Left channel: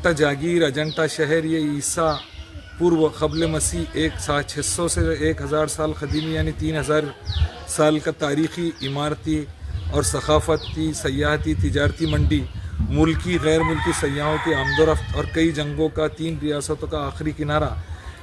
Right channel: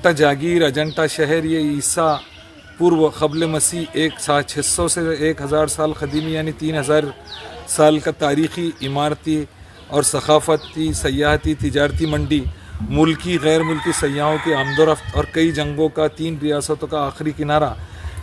अजंता जागीर, अजंता शहर, ये ईसा पूर्व क़ब्ल मसीह 600 से 1000 साल कदीमी यानी 3000 साल का तारीख़ी इमारती और सकाफ़ती, सयाहती, तिजारती मंडी, मुल्की गैर मुल्की सयाहों की आमदोरफ्त और कई जंगों का 3 रियासतों का आखिरी किनारा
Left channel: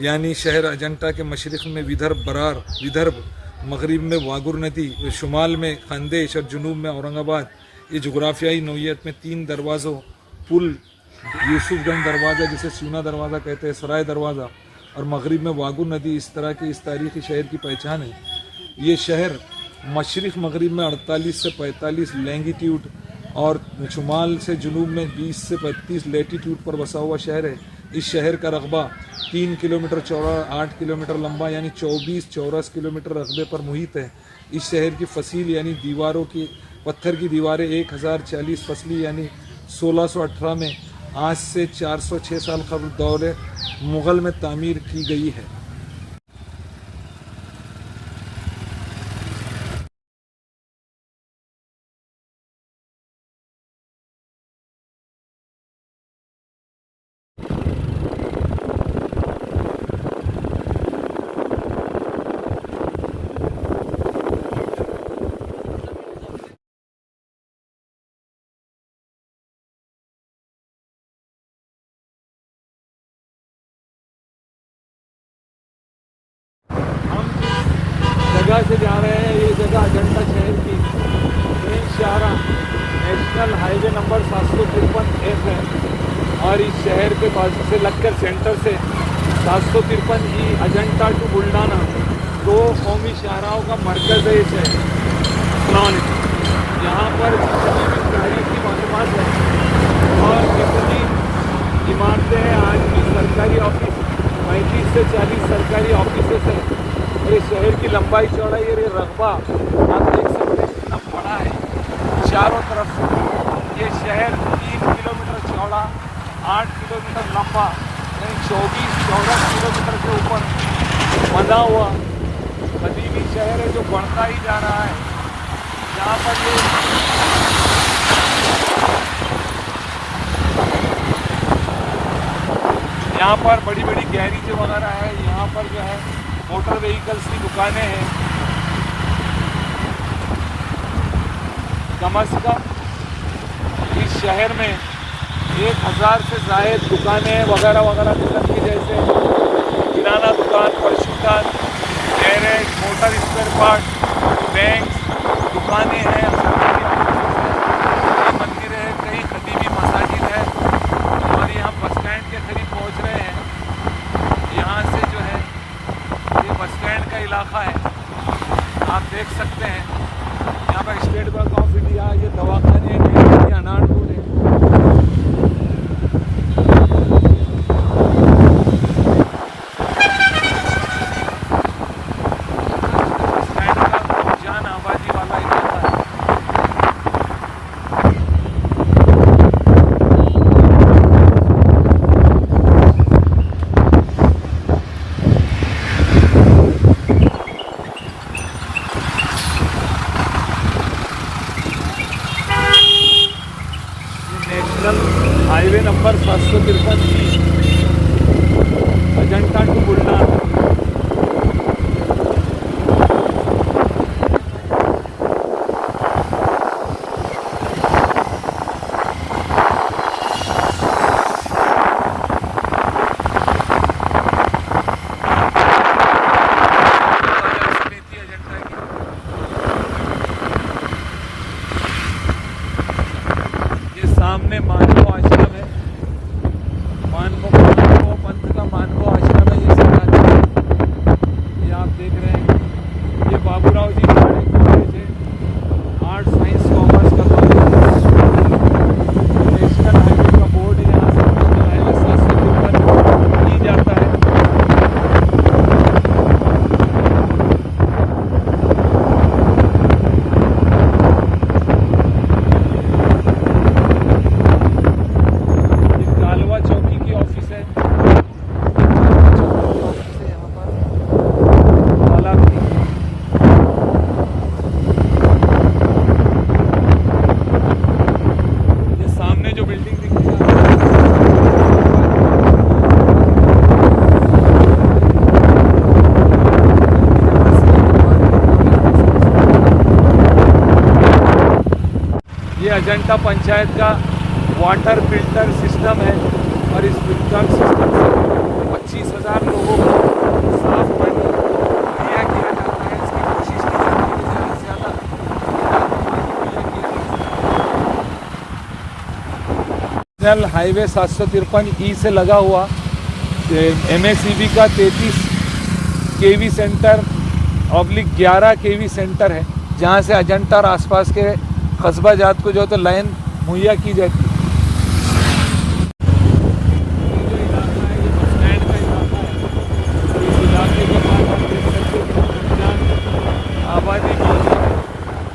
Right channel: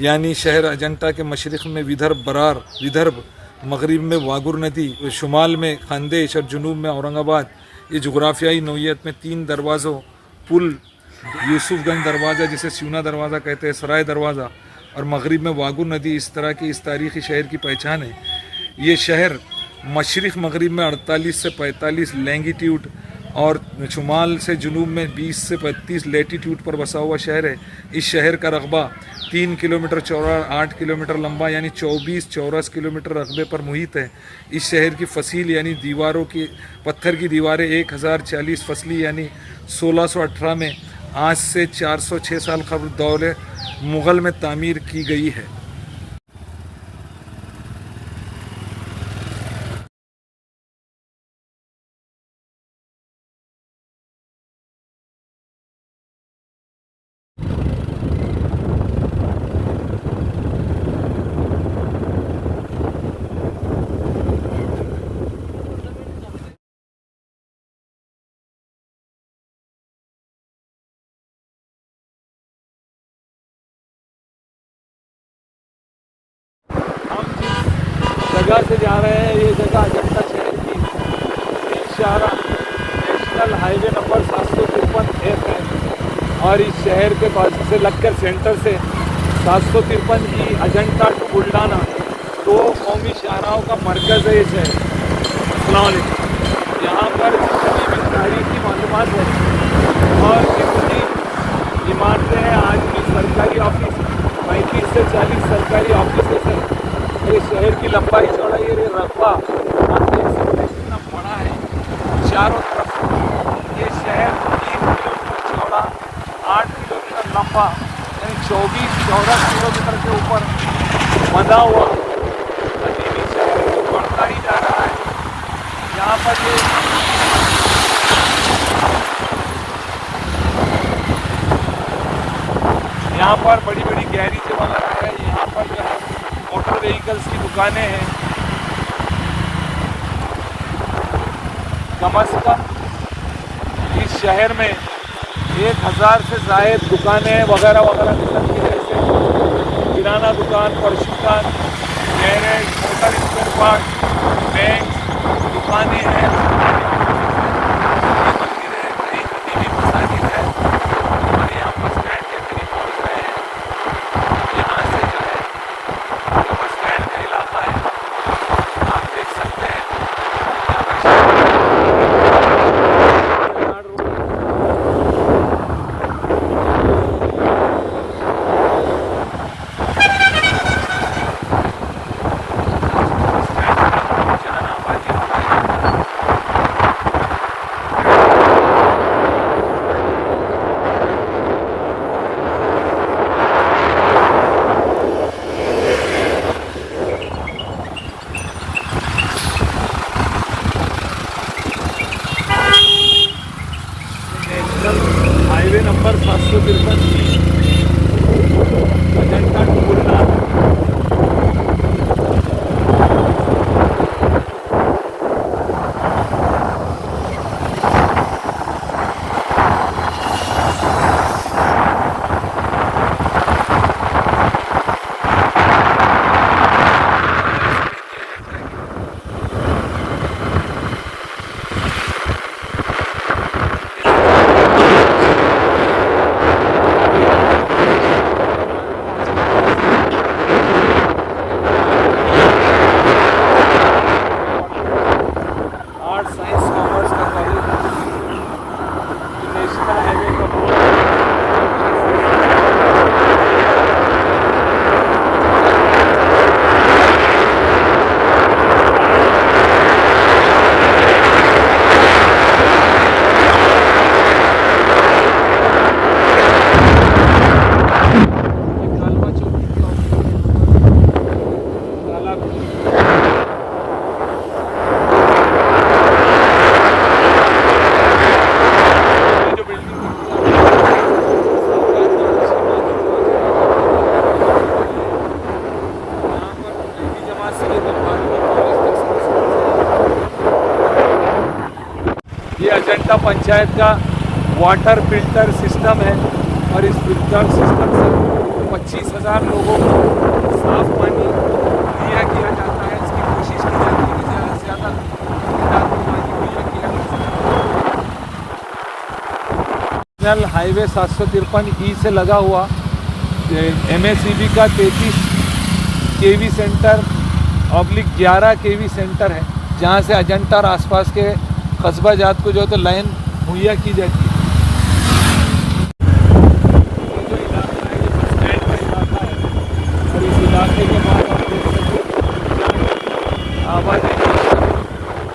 यानी शहर अजंता के मशरक़ में विदर्भ, मगरिब में वागुर नदी, शुमाल में खानदेश और जुनूब में औरंगाबाद। ये जुग्राफियाई नौइयत में 3 दरवाज़ों पुल, यूसुफगंज दरवाज़ा जिसे स्यूना दरवाज़ा कहते हैं, सराय दरवाज़ा और मगरिब में वागुर नदी, इस तरह की इस तारीख़ी शहर की पहचान है। ये शहर मशरिक़ मगरिब में 48 से 45 लैंगिट्यूड और शुमाल से जुनूब में 20 से 35 लेटीट्यूड पर बसा हुआ शहर है। इस शहर का रकबा 3 किलोमीटर चौड़ा, 8 किलोमीटर लंबा यानी 24 चौरस किलोमीटर रकबे पर मुहित है। इस शहर की फसील यानी दीवारों की पत्थर की दीवारें 1040 फसली यानी 1618 में आज से 406 साल कबल दौरे मुग़ल में तामीर की गई है। जगह से जा रहे हैं, ये जगह अजंता शहर की शाहरा नेशनल हाईवे नंबर 753 है और इस शहर के बाजू से लगकर सेंटर से 753 ई अजंता टू बुल्डाना 2 कौमी शाहराओं का मरकज़ है ये शहर। यहाँ पर जितनी भी तारीखी मालूमात है और जितनी इमारतें हैं, आज की सरकारी ऑफिस 35 से 40 सरकारी ऑफिस हैं। ये शहर की लंबाई चौड़ाई और ये रकबा आप देख सकते हैं कितना बड़ा है। चारों तरफ ये शहर 3 किलोमीटर चौड़ा, 8 किलोमीटर लंबा यानी 24 चौरस किलोमीटर के ऊपर बना हुआ कदीमी शहर जो बढ़ता ही जा रहा है। यहाँ पर यहाँ पर बड़ी बड़ी गैरेज वगैरह है। यहाँ पर जो है मोटर व्हीकल्स की दुकानें हैं। कम अज़ कम इस शहर में 1000 से ज़ायद दुकानें वगैरह वगैरह मिलती है, जैसे किराना दुकान, परचून, garage, motor spare part, bank, दुकानें हैं, मंदिर है, कई कदीमी मसाजिद है। और यहाँ बस स्टैंड के करीब पहुँच रहे हैं। यहाँ से जो है ये बस स्टैंड का इलाका है, आप देख सकते हैं। अजंता पंचायत का वाटर फिल्टर सिस्टम है और इस फिल्टर सिस्टम से 25,000 लोगों को साफ पानी मुहैया किया जाता है। इसकी कोशिश की जाती है ज़्यादा से ज़्यादा यहाँ पर पानी मुहैया किया जाता है। नेशनल हाईवे 753 से लगा हुआ MACB का 33 KV सेंटर /11 KV सेंटर है, जहाँ से अजंता और आसपास के कस्बा जात को जो तो लाइन मुहैया की जाती है। आबादी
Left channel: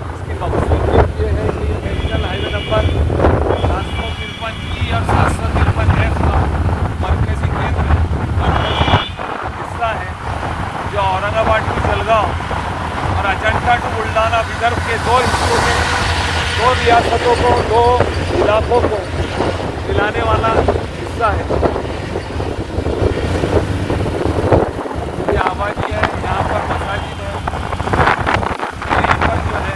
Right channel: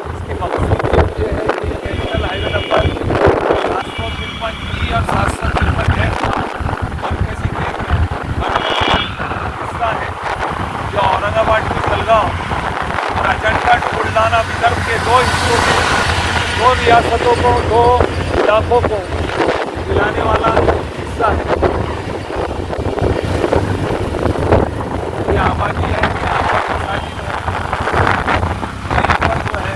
इसकी मकसद ये है कि नेशनल हाईवे नंबर 753 और 753 है मरकजी केंद्र हिस्सा है जो औरंगाबाद टू जलगांव और अजंता टू बुल्ढाना विदर्भ के दो हिस्सों में दो रियासतों को दो इलाकों को मिलाने वाला हिस्सा है। ये आबादी है, यहाँ पर मसाजिद है, यहीं पर जो है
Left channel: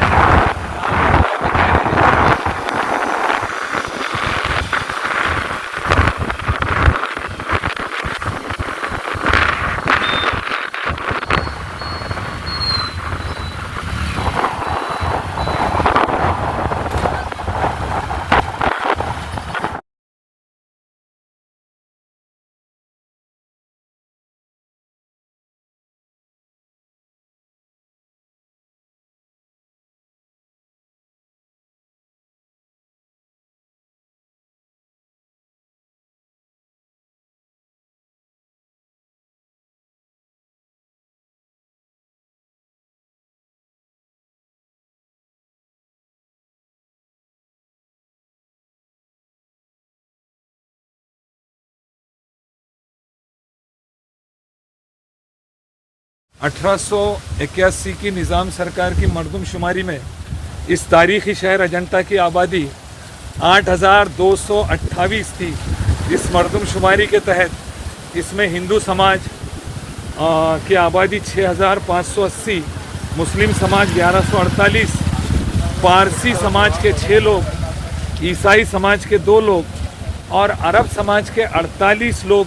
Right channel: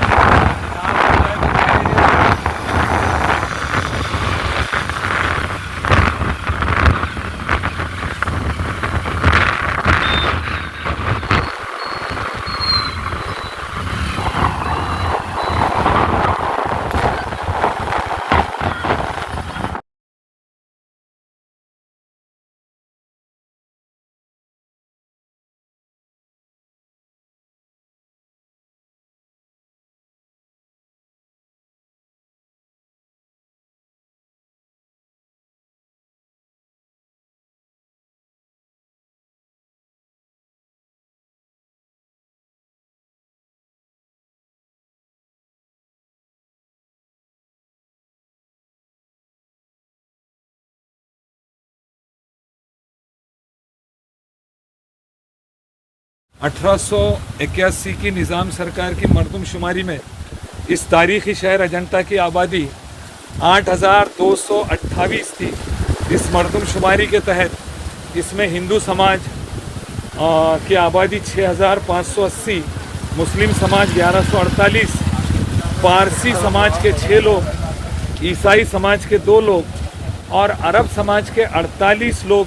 (1881) की निज़ाम सरकार की मरदमशुमारी में इस तारीखी शहर अजंता की आबादी 8,228 थी। इस मरदमशुमारी के तहत इसमें हिंदू समाज की आबादी 6,580, मुस्लिम समाज 1148, पारसी समाज के 6 लोग, ईसाई समाज के 2 लोग और अरब समाज के 48 लोग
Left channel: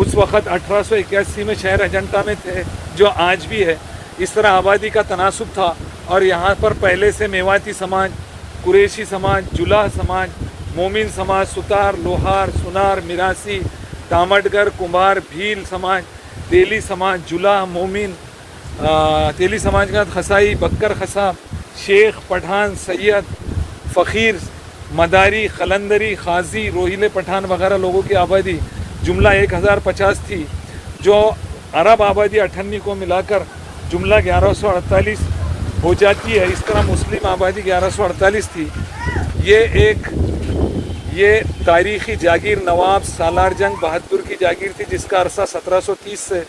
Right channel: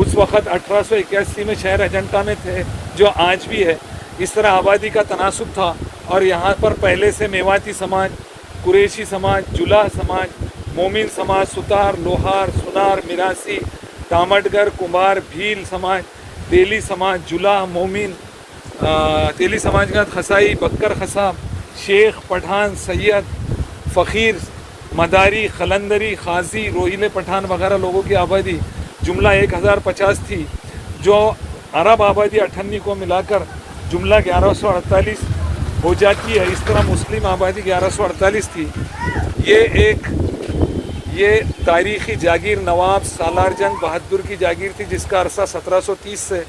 उस वक़्त 1881 में शहर अजंता में थे, जो आज भी है। इस तरह आबादी का तनासुब था और यहाँ पर पहले से मेवाती समाज, कुरैशी समाज, जुलाह समाज, मोमिन समाज, सुतार, लोहार, सुनार, मिरासी, तामटगर, कुंभार, भील समाज, तेली समाज, जुलाह, मोमिन, तेली समाज का खसाई, बक्कर खसाब, शेख, पठान, सैयद, फ़कीर, मदारी, खलंदरी, खाजी, रोहिले पठान वगैरह लोगों की आबादी जुमला 1050 थी, जो अरब आबादी 98 को मिलाकर जुमला 1148 हो जाती है। इस तरह मुस्लिम आबादी 1148 थी। ये तारीख़ी जागीर नवाब सालार जंग बहादुर की जागीर थी, जिसका अरसा 1730 से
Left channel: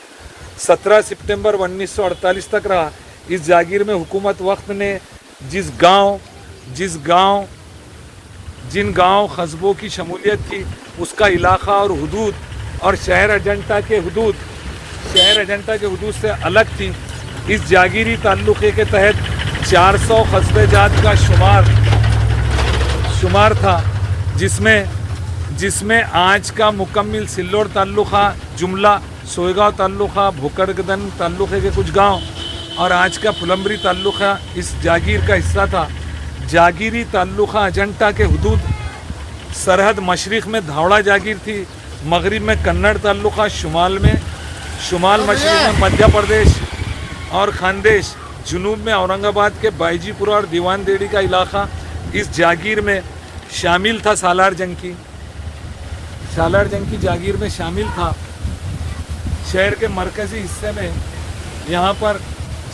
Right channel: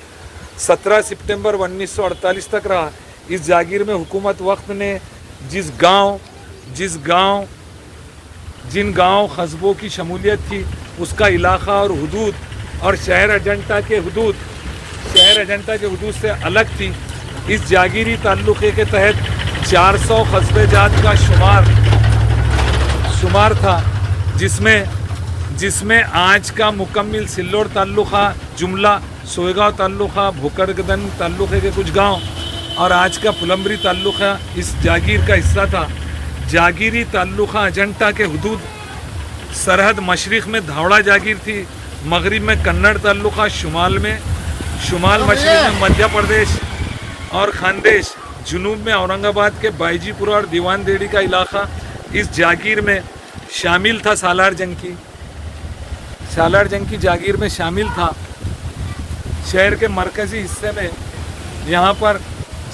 17 सितंबर 1948 तक रहा। इस जागीर में हुकूमत वक्त ने जिन गांव कस्बों की शमूलियत थी, उसका इलाका और हुदूद और शहर अजंता के हुदूद से अलग थी। इस जागीरी ताल्लुक़े के तहत 400 कस्बे जात का शुमार था, जिसमें आज का मुकम्मिल सिल्लोर ताल्लुक़ा, जुमला, सोएगांव ताल्लुक़ा, भोकरगदन ताल्लुक़े के कुछ गांव और आज का पुलम्बरी ताल्लुक़ा इस जागीर का हिस्सा था। जागीरी ताल्लुक़ा अजंता के हुदूद सरहद मशरिक़ में धावड़ा जागीर थी, मगरिब में कन्नड़ ताल्लुक़ा, शुमाल मशरिक़ में मध्य प्रदेश और खानदेश, जुनूब में औरंगाबाद के बाईजीपुरा और दीवान देड़ी का इलाका इस जागीर में शामिल था। सालार जंग की जागीर में शामिल था। शहर के मरकज़ी हिस्से में यहाँ पर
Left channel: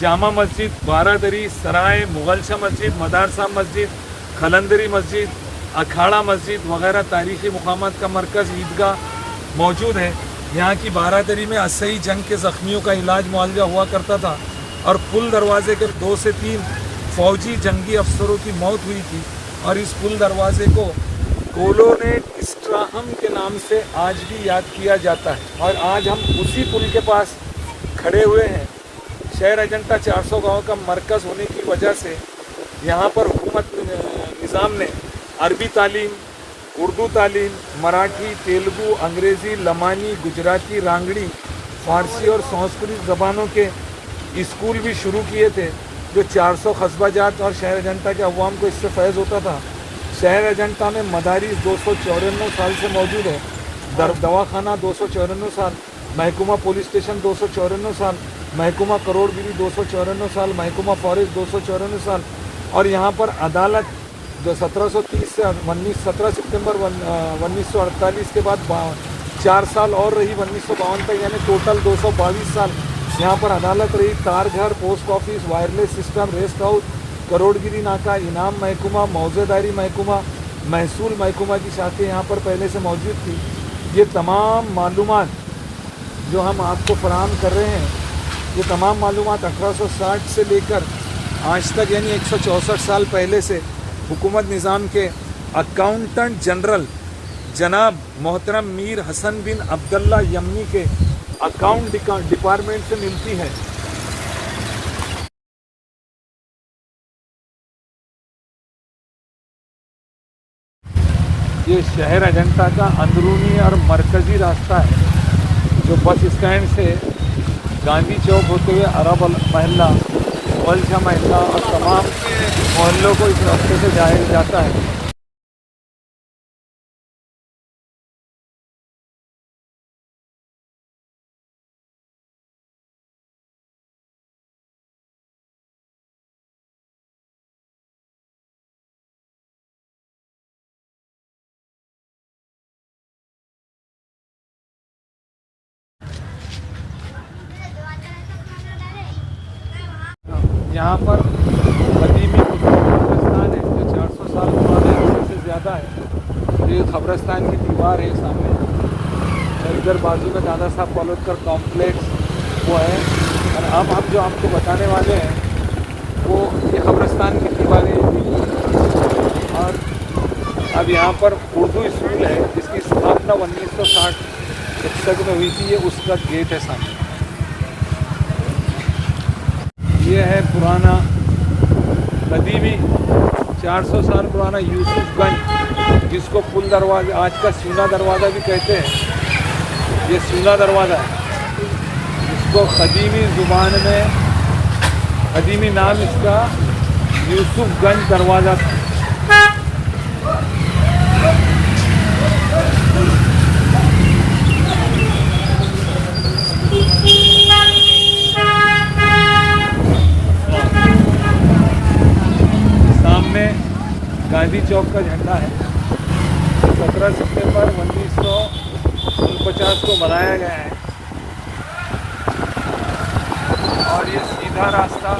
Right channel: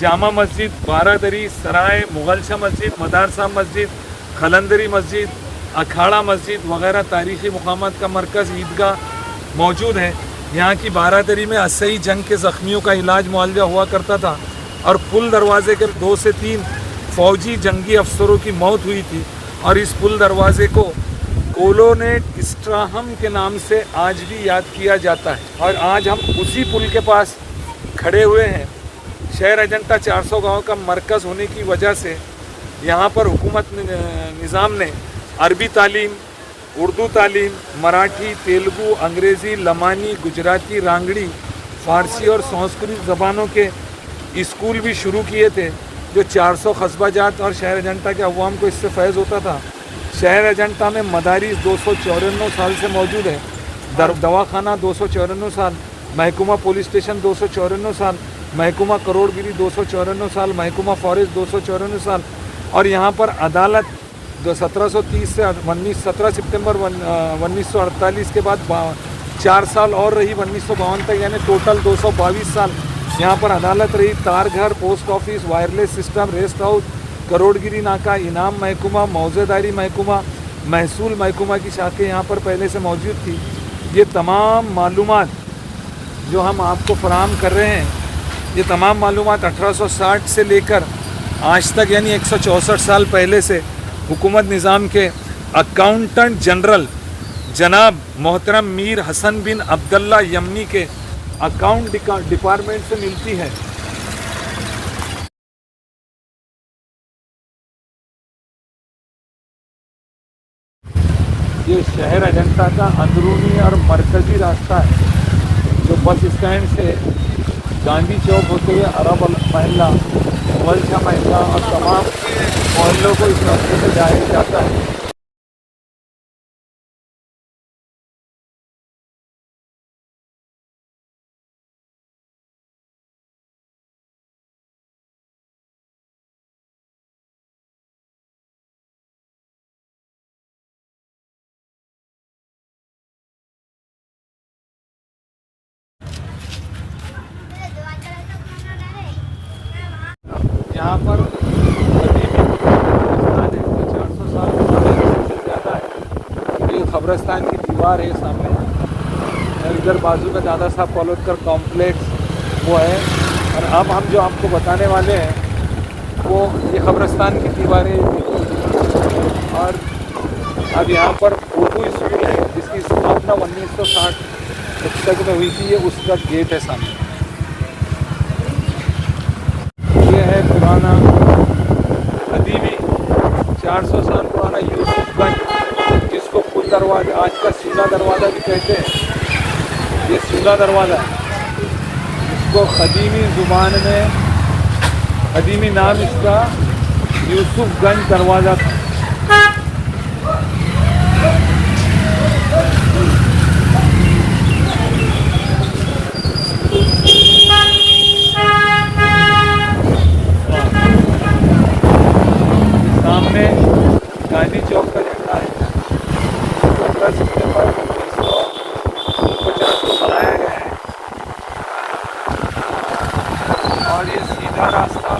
जामा मस्जिद, बारादरी, सराय, मुगलशा मस्जिद, मदारसा मस्जिद, खलंदरी मस्जिद, अखाड़ा मस्जिद वगैरह तारीख़ी मुकामात का मरकज़ ईदगाह मौजूद है। यहाँ की बारादरी में असई जंग के ज़ख्मियों का इलाज मुआवजा हुआ करता था और पुल दरवाजे के 2 से 3 फ़ौजी जंगी अफसरों की मौत हुई थी और इस पुल दरवाजे को कोलोनेट स्ट्राहम के नाम से आज भी याद किया जाता है और आज हम उसी पुल के पास खड़े हुए हैं। शहर अजंता 400 गाँव का मरकज़ होने की वजह से यहाँ पर हुकूमत निज़ाम ने अरबी तालीम, उर्दू तालीम, मराठी, तेलुगु, अंग्रेज़ी, लमानी, गुजराती, रांगड़ी, फारसी और संस्कृत ज़बानों के स्कूल भी शुरू किए थे, जो 400 कस्बा जात और शहर अजंता के अवाम को इससे फैज़ होता था। शहर अजंता में मदारिस 294 साल से मौजूद है, दवाखाना 294 साल, महकुमा पुलिस स्टेशन 294 साल, महकुमा करोड़गिरी 294 साल, महकुमा फॉरेस्ट 294 साल, और यहाँ पर अदालत 1730 से 17 सितंबर 1948 के बाद 4 साल और रही 1952 तक, यानी टोटल 222 साल यहाँ पर अदालत रही। तारघर, post office, wireless system, rest house, करोड़गिरी नाका, इनाम महकुमा, मौजेदारी महकुमा, महसूल महकुमा की शाखें यहाँ पर पहले से मौजूद थी। ये तमाम मालूमात जो हम आपको फराहम कर रहे हैं, ये तमाम मालूमात 1860 से लेकर आज तक यानी 164 साल पहले से हुकूमत निज़ाम के अकाउंटेंट जनरल जनाब मोहतरम मीर हसन बिन अब्दुल्ला यमनी के अकाउंट डिपार्टमेंट से मिलती है। ये शहर अजंता का अंदरूनी और मरकज़ी रास्ता है, जो बस स्टैंड से गांधी चौक होते हुए अरब महल्ला, वलशा महल्ला और तमाम मोहल्लों को इस रास्ते से जाया जाता है। यहाँ पर कदीमी कब्रिस्तान है जो 400 साल पुराने से ज़्यादा है। ये कब्रिस्तान की दीवार है सामने, और इधर बाजू में दादा साहब कॉलोडकर कॉम्प्लेक्स वो है। और अब हम जो आपको बताने वाले हैं वो ये कब्रिस्तान की दीवारें। और अब यहाँ पर उर्दू स्कूल है जिसकी स्थापना 1960 में हुई थी, ये उसका गेट है सामने। ये है पुराना कदीमी 400 साल पुराना यूसुफगंज, जिसको पुल दरवाजा, आज का सूना दरवाज़ा भी कहते हैं। ये सूना दरवाज़ा है, इसको कदीमी ज़ुबान में कदीमी नाम इसका यूसुफगंज दरवाज़ा था। सामने गांधी चौक का झंडा है, 17 सितंबर 1949 को बनाया गया है। और ये सीधा रास्ता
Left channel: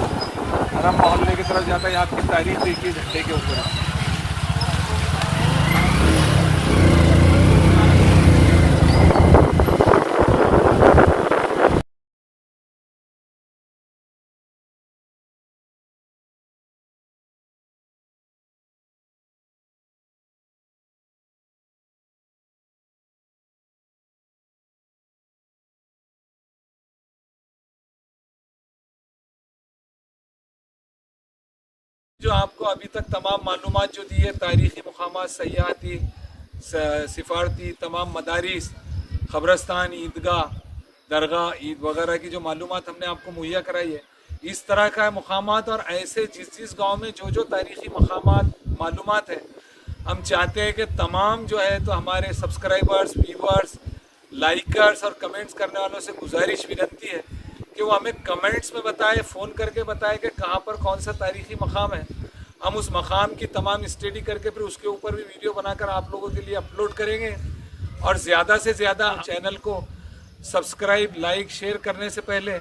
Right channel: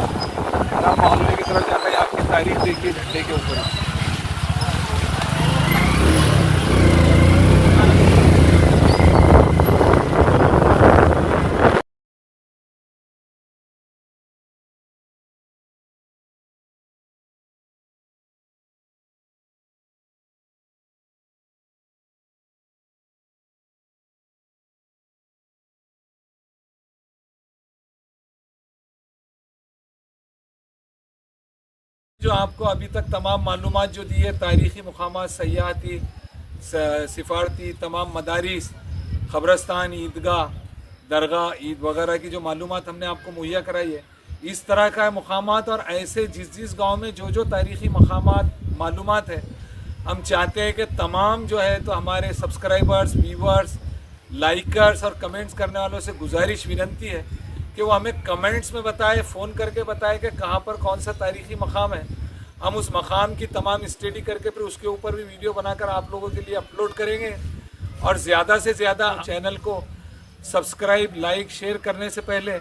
हरम मोहल्ले की तरफ जाता है। आपकी तारीख देखिए झंडे के ऊपर। जो आपको अभी तक तमाम मालूमात जो दी है, तारीख़ी मुकामात, सयाहती, सिफारती, तमाम मदारिस, ख़बरस्तान, ईदगाह, दरगाह, ईद वगैरह की जो मालूमात हमने आपको मुहैया कराई है, इस तरह का मकामात और ऐसे जिस गांव में जो तारीख़ी मकामात मालूमात है, हम चाहते हैं कि तमाम जो है तो हमारे सब्सक्राइबर्स, व्यूवर्स, लाइकर्स और कमेंट्स करने वालों से गुजारिश, विनंती है कि वो हमें कमेंट्स में बताए, फ़ोन करके बताए कि कहाँ पर कौन सा तारीख़ी मकाम है। हम उस मकाम की तमाम स्टडी करके फिर उसके ऊपर भी वीडियो बनाकर आप लोगों के लिए अपलोड करेंगे। और ज़्यादा से ज़्यादा चैनल को सब्सक्राइब, लाइक, शेयर करने से पहले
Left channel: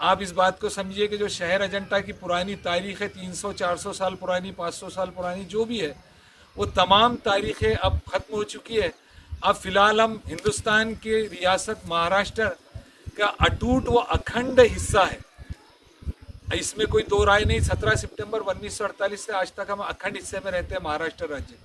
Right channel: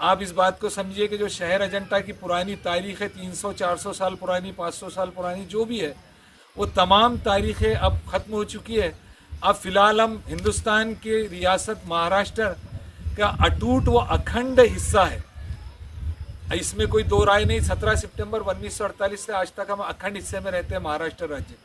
आप इस बात को समझिए कि जो शहर अजंता की पुरानी तारीख़ है, 300-400 साल पुरानी, 500 साल पुरानी जो भी है, वो तमाम तारीख़ें अब ख़त्म हो चुकी है। अब फ़िलहाल हम हिंदुस्तान की रियासत महाराष्ट्र का अटूट व अखंड हिस्सा है, इसमें कोई दो राय नहीं। 17 सितंबर 1948 से आज तक हम अखंड हिस्से में रहते हैं, महाराष्ट्र राज्य।